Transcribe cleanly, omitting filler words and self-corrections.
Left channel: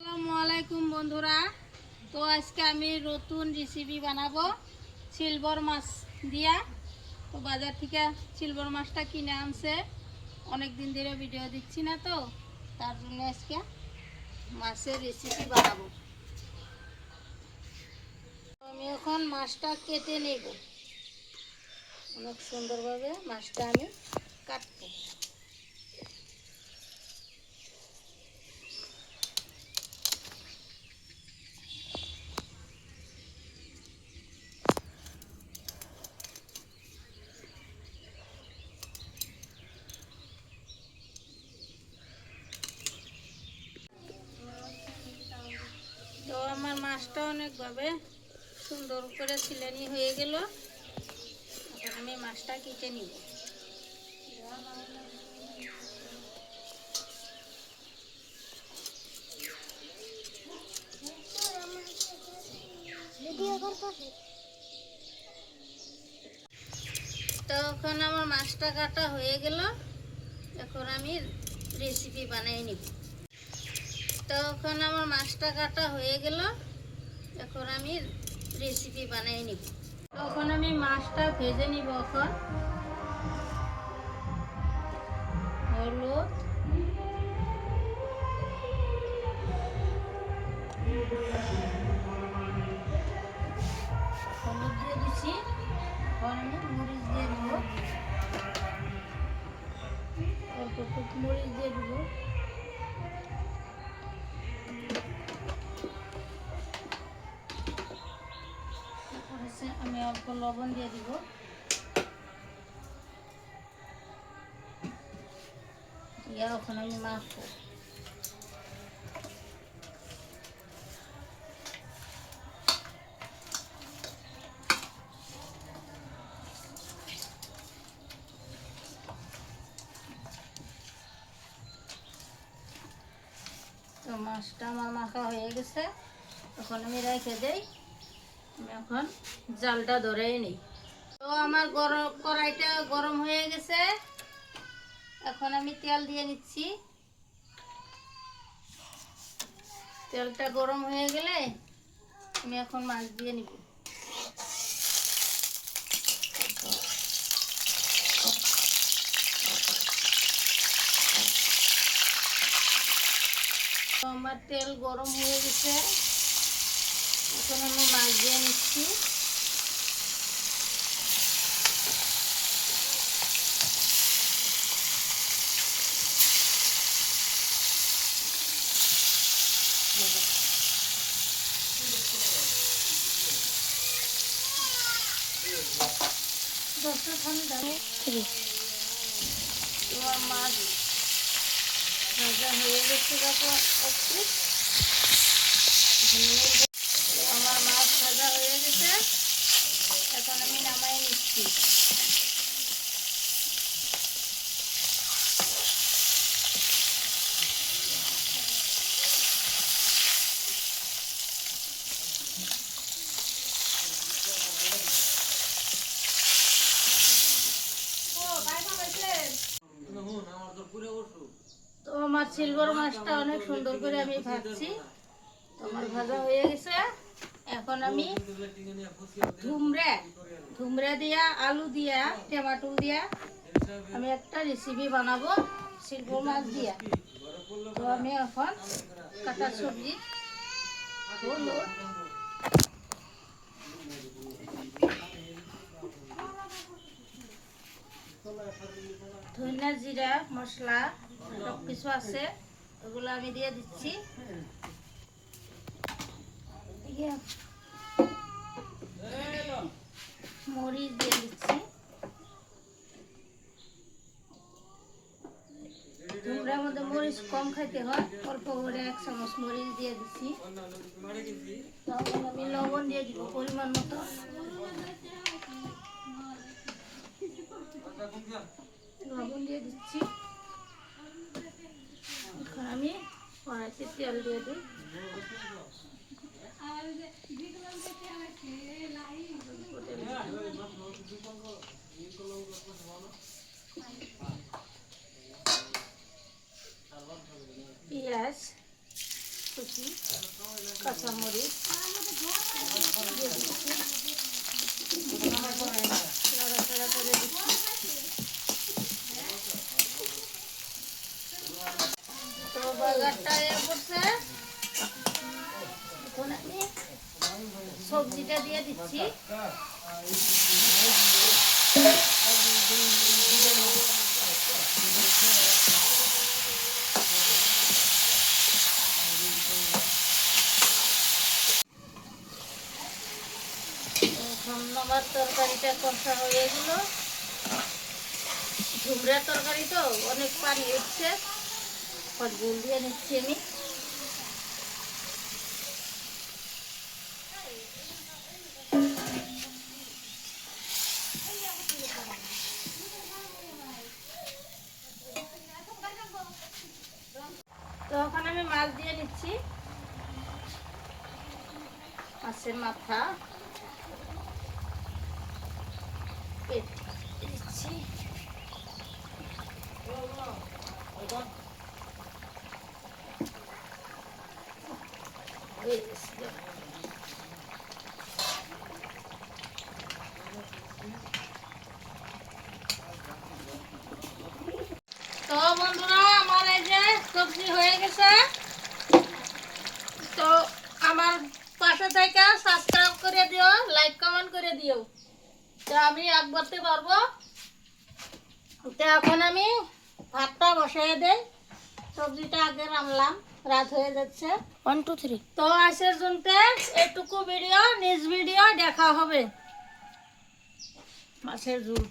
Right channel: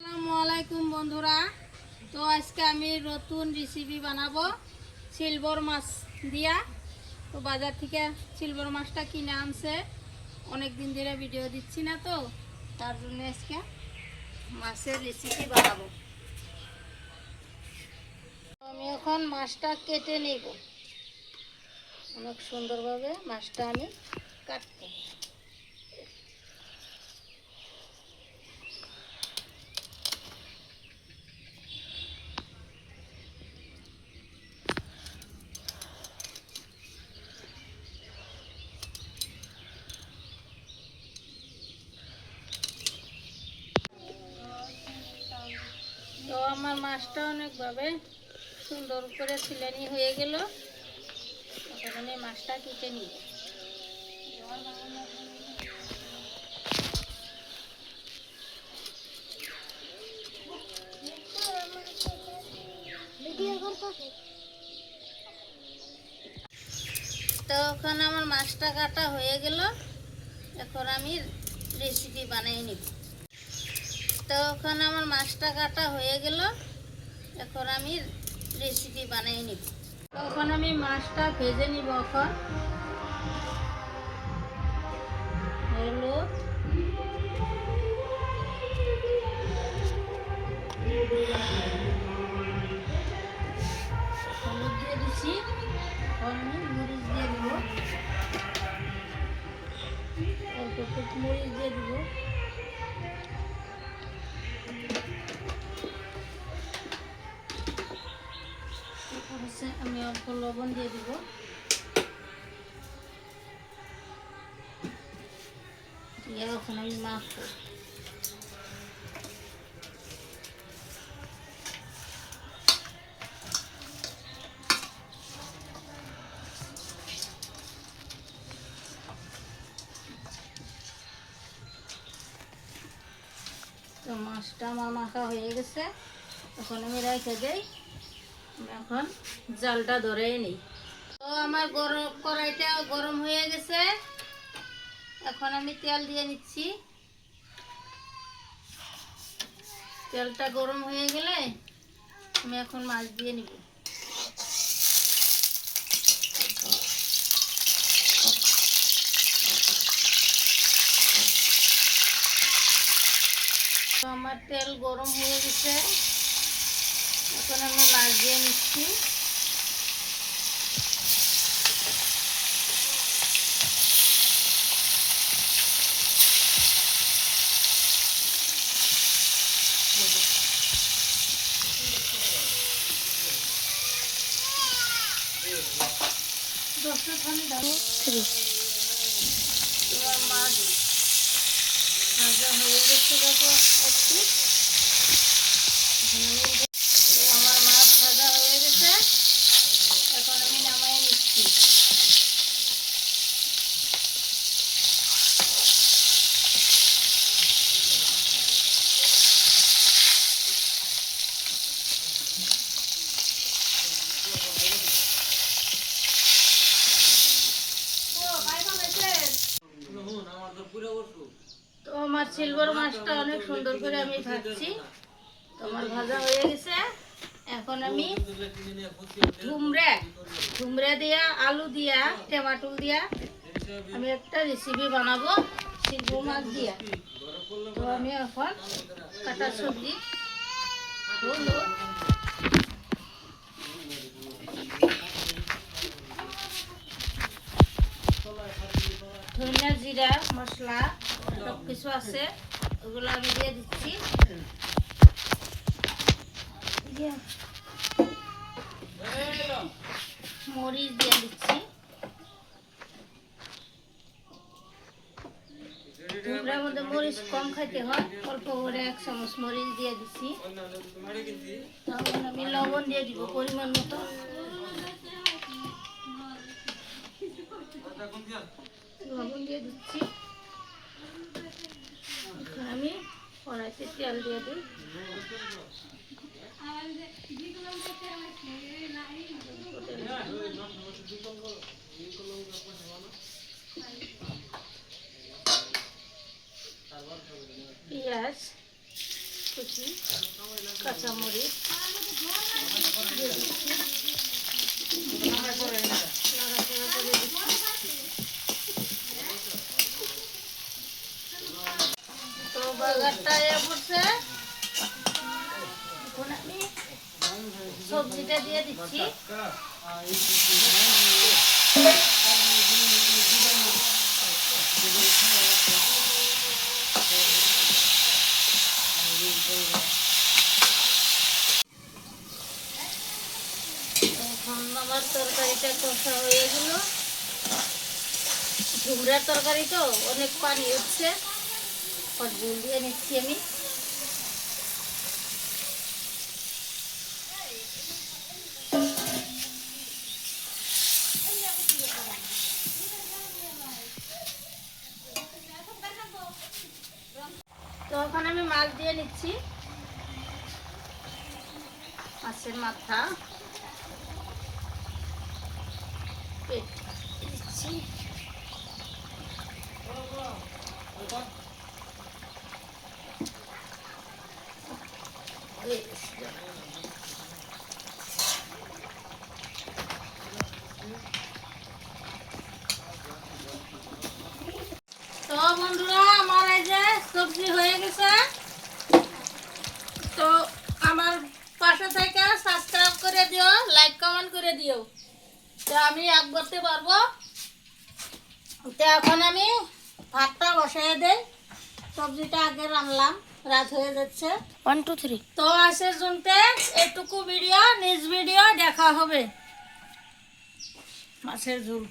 আসসালামু আলাইকুম বন্ধুরা। তো আজকে আমি নতুন রেসিপি বানাবো সিলভার মাছ দিয়া। তো বাজার থেকে সিলভার মাছটা কিনে আনছে, অনেক দিন ধরে ভিডিও দিচ্ছি না, তো তার জন্য আজকে মাছের রেসিপি বানাবো। আমি এখন মাছটা কেটে নেব, অনেক সুন্দরভাবে মাছটা আমি কাটবো। তো আমার মাছটা অনেকভাবে সুন্দর করে ছিলানি হয়ে গেল। এখন আমি মাছটা কেটে নিব। তো এখন আমার মাছটা কাটা হয়ে গেল, এখন আমি রেসিপি বানিয়ে নিব। তো এখন আমার মাছটা কাটা হয়ে গেল, এখন আমি রেসিপি বানিয়ে নিব। তখন আমি মাছটা ভেজে নিব। এখন হলুদ, হলুদ দিয়ে দিচ্ছি, এখন আমি মরিচ দিয়ে দিব, অল্প একটু মরিচ দিয়ে দিব, আমি অল্প লবণ দিয়ে দিব, দিয়ে এখন আমি মাখবো। তো মাছটা আমার মাখা হয়ে গেছে, এখন আমি রেখে দেই। আমি এখন জালটা ধরেই নিই। তো আমার কড়াইটা গরম হয়ে গেছে, এখন আমি তেল দিয়ে নিচ্ছি। তেলটা গরম হয়ে গেলে আমি এখন মাছ দিয়ে নিব। তো আমার তেল গরম হয়ে গেছে, এখন আমি মাছ দিয়ে নিচ্ছি। তোমার মাছ ভাজা হয়ে গেছে, দেখো একটু। আমার মাছ ভাজা হয়ে গেছে, এখন আমি নামাই নিচ্ছি। তো আমার সিলভার মাছটা অনেক সুন্দর করে আমি ভাজছি, তোমার ভাজা হয়ে গেছে। এখন আমি ঝুমরা দিয়া, আলু দিয়া, টমেটো দিয়া আমি একটা রেসিপি বানাবো সিলভার মাছ দিয়া। তো আমি এখন কাটা সবজি, হলুদ, ধনিয়া, জিরা মশলা সব কিছু আছে, ওগুলো আমি দিয়ে দিচ্ছি। মরিচ দিয়ে দিচ্ছি, তোমরার মধ্যে মরিচ কম খাইতে হয়, অল্প করে 1 চামচ মরিচ দিয়ে দিচ্ছি। তখন আমি লবণ দিয়ে দিব পরিমাণ মতো। লবণ দিয়ে দিচ্ছি। এখন আমি কড়াইতে তেল দিয়ে দিই। পেঁয়াজ, কুচি, কাঁচামরিচ দিয়ে দিচ্ছি, নাড়াচাড়া করে দিচ্ছি। তো বাগারটা করছে, এখন আমি সবজিটা দিয়ে দিচ্ছি। এখন আমার তরকারিটা কষা হয়ে গেল। ঝুমড়ার তরকারি তো অনেক পানি উঠছে, জল দিয়ে নিচ্ছি আমি। তো এখন আমি মাছ দিয়ে নিচ্ছি, মাছের মাথা দিচ্ছি। তো বন্ধুরা, আমার এই যে সবজি হয়ে গেছে। তো আমার পাশে থেকে সাবস্ক্রাইব করে দিও, লাইক কমেন্ট করে দিও, তো আমি এক করতে পারবো। তো এখন আমি ভাতটা বসাই দেই, সবজিটা আগে রান্নলাম, রাত হয়ে যাচ্ছে। 1 2 3। তো আজকের জন্য এটুকু ভিডিও, নেক্সট ভিডিও দেখা হবে। মাছের ঝোল।